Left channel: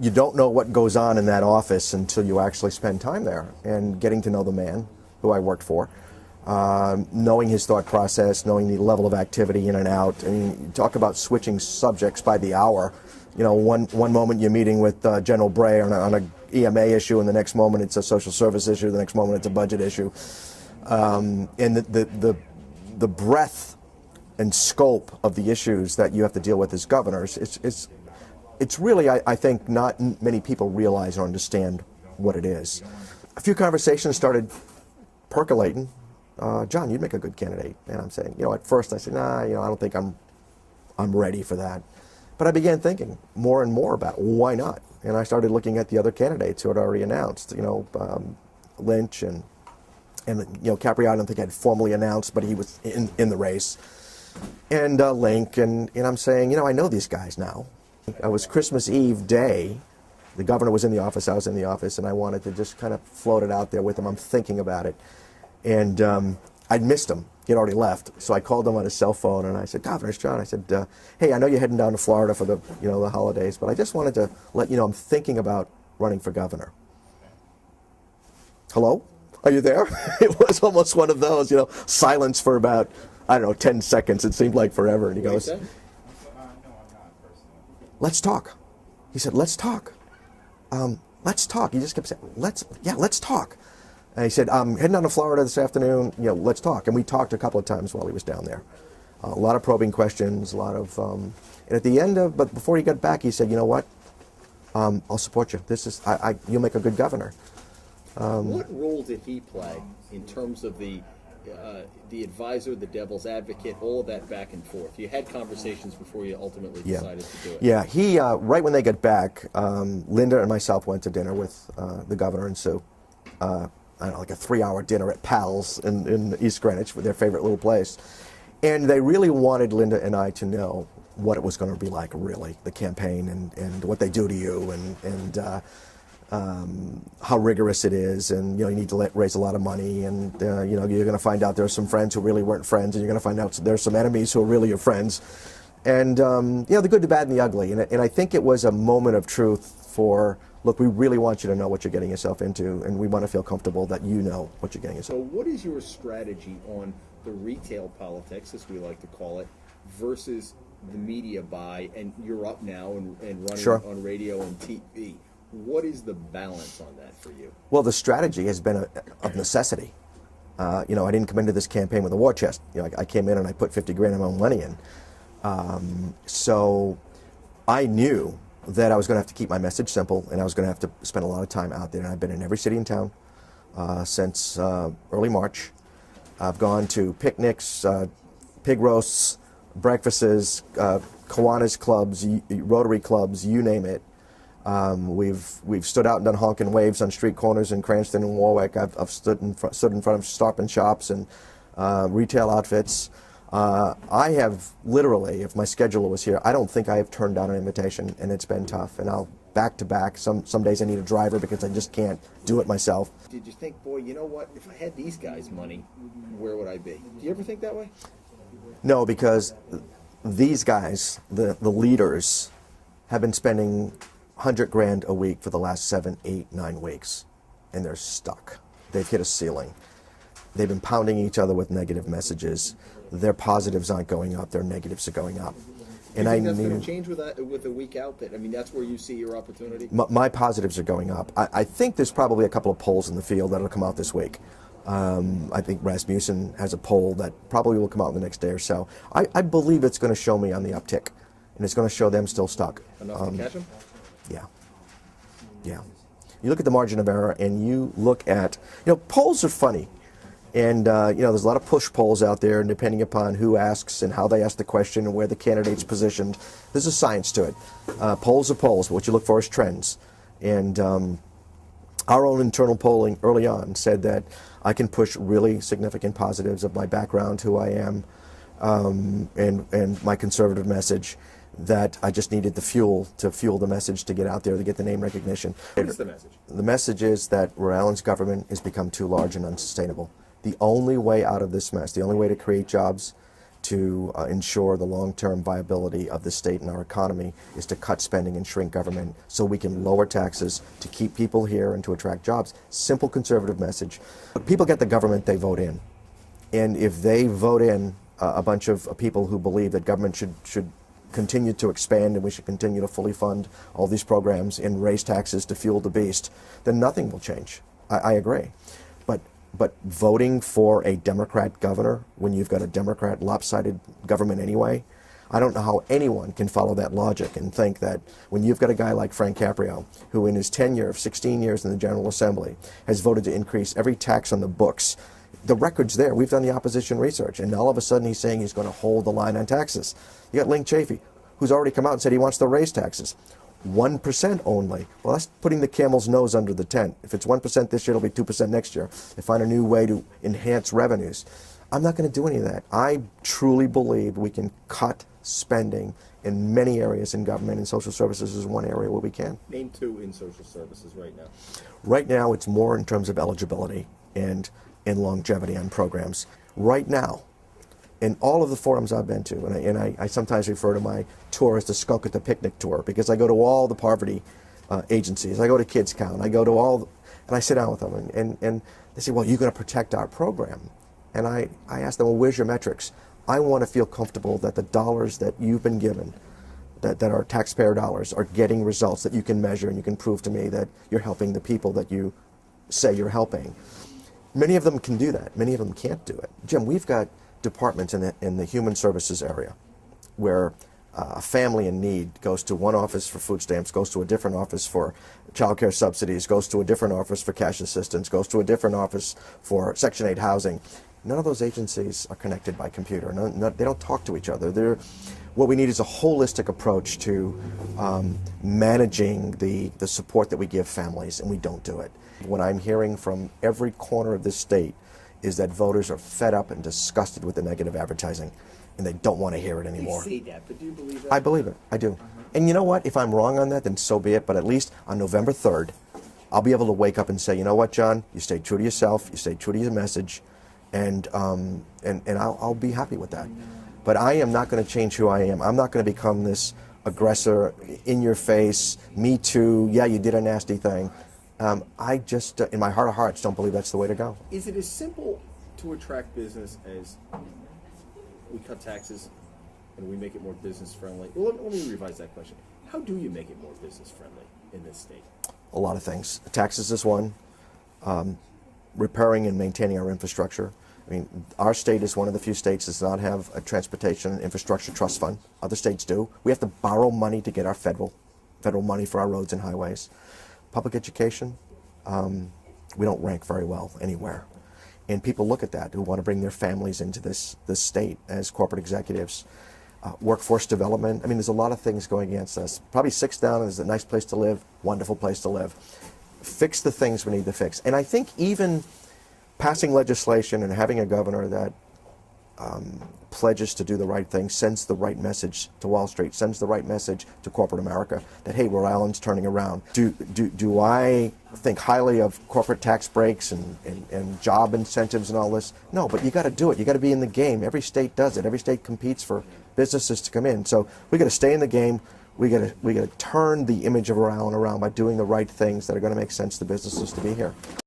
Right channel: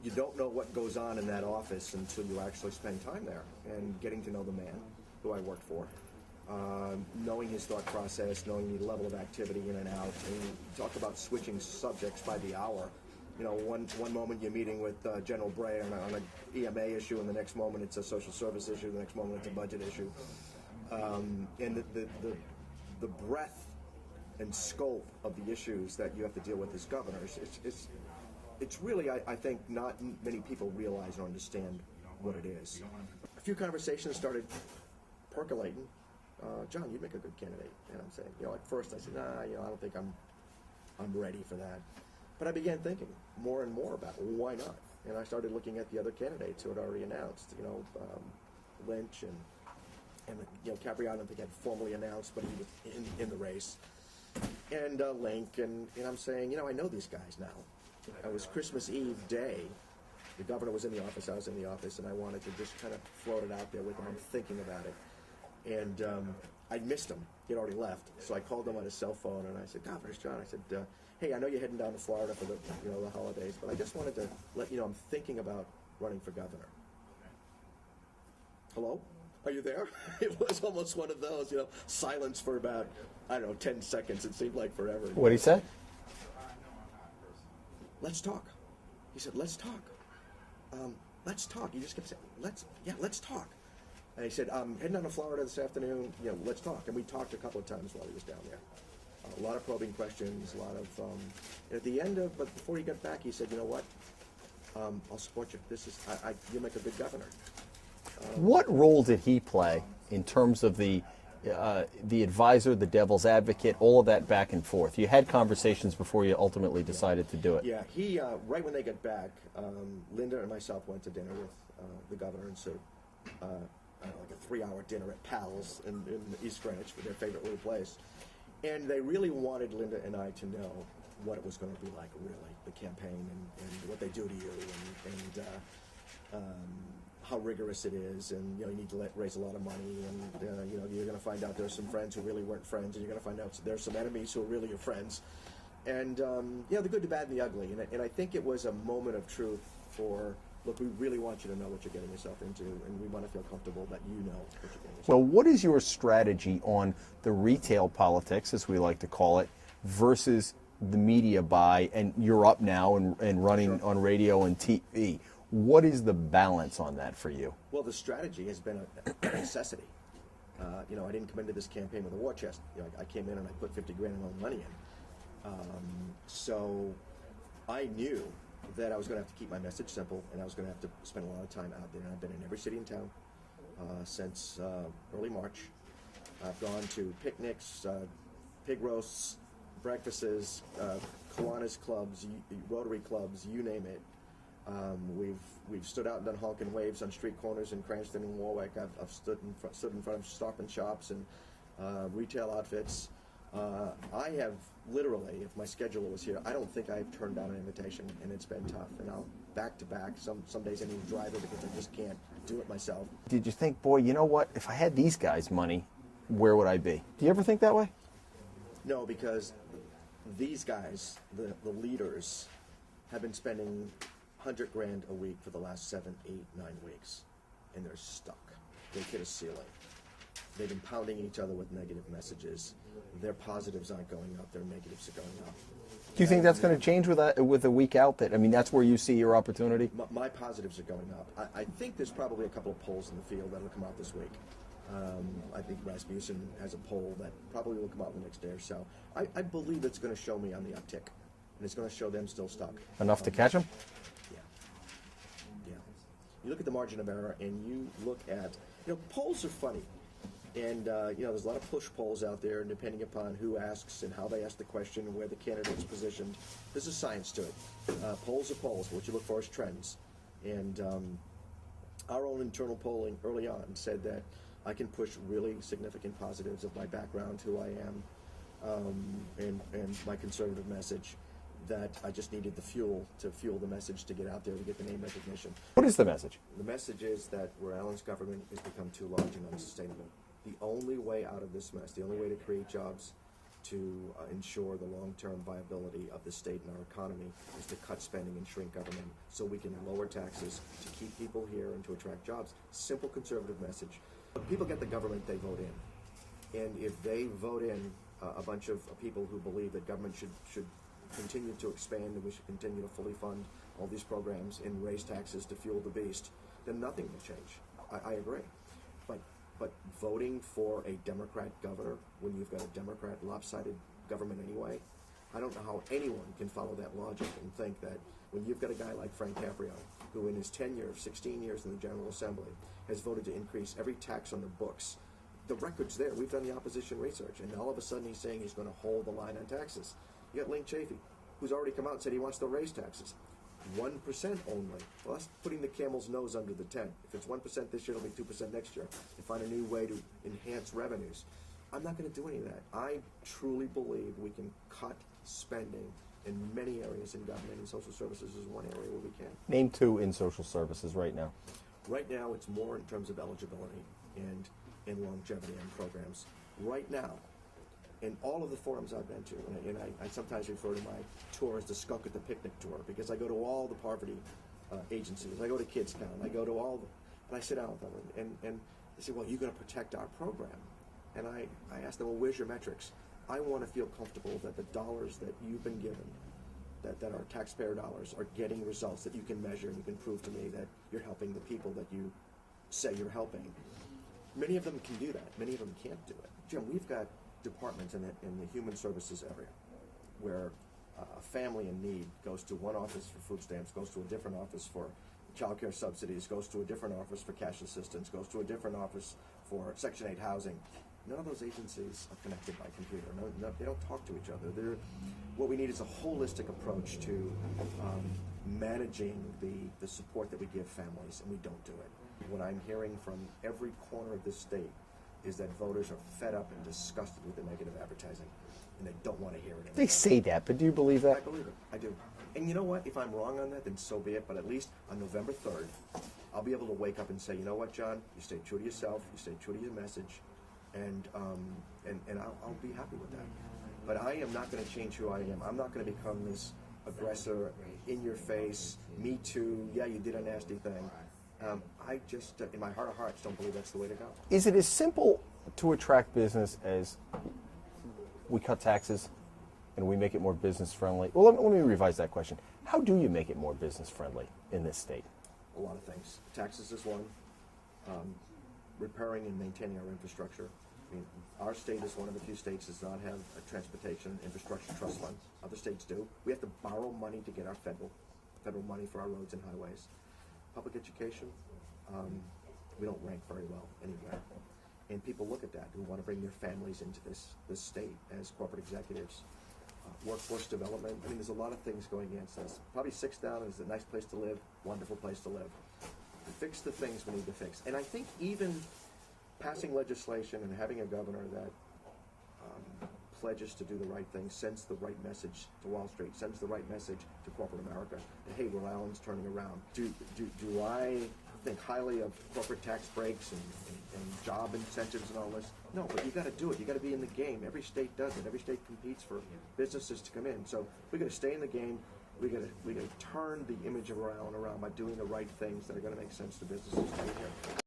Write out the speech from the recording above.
you don't know what goes on in that office until you actually spend time there and getting to know the man who I worked for, knowing his thought process, knowing the level of activity in and out. I mean, you talk about switching subjects by the hour. You know, one moment you're meeting with General Bray on a EMA issue, and the next moment it's a social service issue, the next moment it's a budget issue. And the breadth and scope of the issues that you have to deal with as governors, it's really, I think, not many people realize or understand what it is. A few conversations started percolating. John, you'd make a good candidate. And I'm saying, you know, at first I said, nah, you know, I don't think I'm ready for that. But I began thinking more and more about why not. And I started looking at the other candidates who had already announced, you know, Lynch and you know, Capriati, I don't think had formally announced, but he was in the race. And Link, and I'm saying, you know, I know these guys now. It was Christmas Eve day. The governor was in the office, I was in the office, and I wanted to just kind of float it out there with him. I'm thinking about it. And I'd missed him. He had already left. So I called him on his cell phone, and I said, Governor, it's John. I said, hey, I know you're heading down to Florida for the, you know, the holidays, but I just wanted to let you know I'm thinking about running for governor. Hello? Are you there? It was almost one of those, you know, silence for about, I don't know, 10 seconds. It seemed like forever. And he What goes, did he say? let's talk. He said, let's talk. Let's talk. He just kept saying, let's talk. And he said, I'm heading down to Florida this afternoon, you know, let's talk. And we talked a couple of times while he was down there. A lot of probing questions, a lot of, and at the end of, but before he got back, he said, you know what, I'll support you. This is, you'll make a good governor. What role did he play in terms of the advisor, the devil's advocate, all of that back and forth? You had conversations before you ultimately decided to do it. Yeah, he, right when they got back, Linda and myself went to dinner with the governor and Sue. I don't know, like a 3-hour dinner at Pal's in East Greenwich, with their favorite little place. And they really wanted Linda and I to know what it was going to be like, really, the campaign and what they do to you and how rigorous it is, and you know, you need to raise a lot of money, and you know, you're going to find out there's some friends who really weren't friends, and you're going to find out there's some enemies who are really your friends, and you know, the good, the bad, and the ugly. And I think it was a moment of truth for, look, we really want you to know what you're getting yourself into, and we want to feel comfortable that you know what you're getting yourself So what is your strategy on the retail politics, as we like to call it, versus the media buy, and you're up now and running Sure. on radio and TV? What is the balance on that for you? Well, the strategy has been of necessity. You know, I didn't come into this campaign with a war chest. You know, I came in and I put 50 grand of my own money in. So I knew that I was going to have to keep my message simple, and I was going to have to spend a lot of time out there. And I've been in every city in town since early March. I've gone to picnics, pig roasts, breakfasts, Kiwanis clubs, Rotary clubs, you name it. We've stood out and done honking waves on street corners in Cranston and Warwick. I've stood in front of Stop and Shops and retail outfits. I have literally, if my scheduler was here, I don't think I have turned down an invitation, and it's been tough. And I'll back to back. Some days I need a driver because I just can't do it myself. Did you think, boy, you know what? If I had these guys' money, where would I be? Do you ever think that way? No, because these guys, the leaders, have been spending 100 grand a week for the last 7, 8, 9 weeks, and they're stuck. They've hit a ceiling. They've been pounding each other with negative messages. Their positives aren't going up, their negatives are going up. Do you think that's going to change with a weak outfit? I mean, that's where you see your opportunity? My positives are going up. I think there's probably a couple of polls in the field that will come out this week. I think Rasmussen has a poll that probably will come out in the next day or so. I believe it's going to show me on the uptick, and it's going to show them still stuck. Enough to catch them? Yeah. Yeah. You look at the margin of error, and you look at, you know, polls are funny. And, you know, there's a lot of push polls out there, and depending upon who asks and how they ask the question and where the candidate's positioned, there's a science to it. Polls are polls, but what you look for is trends. And our own internal polling early on said that I can push really significant positives of my background, who I am, and my conservative message, that I just needed the fuel to fuel the message to get out there, to get the name recognition. What is the message? The message is that Rhode Island's government has become too large and unsustainable. The only way out of this mess, the only way to create jobs to ensure the long-term viability of the state and our economy is to cut spending and shrink government so we can lower taxes to keep people here and to attract jobs. Simple conservative message. People get the government they vote in. And if they vote in a bunch of people who believe that government should continue to expand and we should continue to fully fund all these programs and raise taxes to fuel the beast, then nothing will change. I agree. But voting for a Democrat governor when you've got a Democrat lopsided government anyway, I don't know how anyone can follow that logic and think that when you've got a guy like Frank Caprio, who in his tenure of 16 years in the General Assembly has voted to increase every tax on the books. The record's there. We've done the opposition research, and all of a sudden he's saying he's going to hold the line on taxes. You got Link Chafee, who's already come out and said he wants to raise taxes. 1% only. Well, that's putting the camel's nose under the tent. If it's 1% this year, it'll be 2% next year. They find a new way to enhance revenues. I'm not going to do any of that. I truly believe we can cut spending in many areas in government, and social services is one area where we can. Name two in social services right now. Right now, it's more in terms of eligibility and longevity on programs. Right now, in all of the forums I've been to, and I sometimes refer to my tour as the skunk at the picnic tour, because I go to all the poverty agencies, I go to Kids Count, I go to all, and I sit down with them, and they say, well, you're going to protect our program. And I ask them, well, where's your metrics? I want to feel comfortable that the dollars that you've been given, that are taxpayer dollars, are getting results that you can measure and you can prove to me that you're helping the people that you say you're helping. Many of them can do that. Many of them can't do it. Jim, we've got departments in the human services area where a family in need goes to one office for food stamps, goes to a different office for child care subsidies, goes to a different office for cash assistance, goes to a different office for Section 8 housing. None of those agencies are connected by computer. They don't talk to each other. What we need is a holistic approach to managing the support that we give families, and we don't do it. What I'm hearing from every corner of this state is that voters are fed up and disgusted with the negative advertising, and they don't want to hear it anymore. They say that, but do you believe that? I believe it. I do. And you know what? If I'm wrong on that, then so be it. But at least on November 3rd, I'll be able to wake up and say, you know what, John? You stayed true to yourself. You stayed true to your message, and I'll be happy with that. But I am not going to change who I am. I'm not going to become this aggressor, in your face, me too, yeah, you did a nasty thing. I just, in my heart of hearts, don't believe that's the way to go. Is it as simple to attract business as we cut taxes and we make it more business friendly? Well, let me revise that question. How do you make it more business friendly in this state? A lot of things. Taxes is one. Repairing and maintaining our infrastructure. I mean, our state is one of the few states that does not have a transportation and infrastructure trust fund. Other states do. We have to borrow money to get our federal money for our roads and highways. Public education, we don't rank very well anywhere. And people look at that who want to bring their families into this state as corporate executives. Workforce development, I mean, there's a lot of things going against us. Probably six down is a nice place to live, wonderful place to live. Fix the things we need to fix. And I think even passing legislation and having a governor that pledges to do the right thing sends the right message to Wall Street, sends the right message to corporate America that, hey, Rhode Island's turning around. Do I think highly of corporate tax breaks and job incentives and all this? No, but you got to do it. You got to be in the game. Every state does it. Every state competes for businesses to come in. So we got to stay in the game. We got to turn the image of Rhode Island around by doing the right things that are going to make sense to businesses to be here.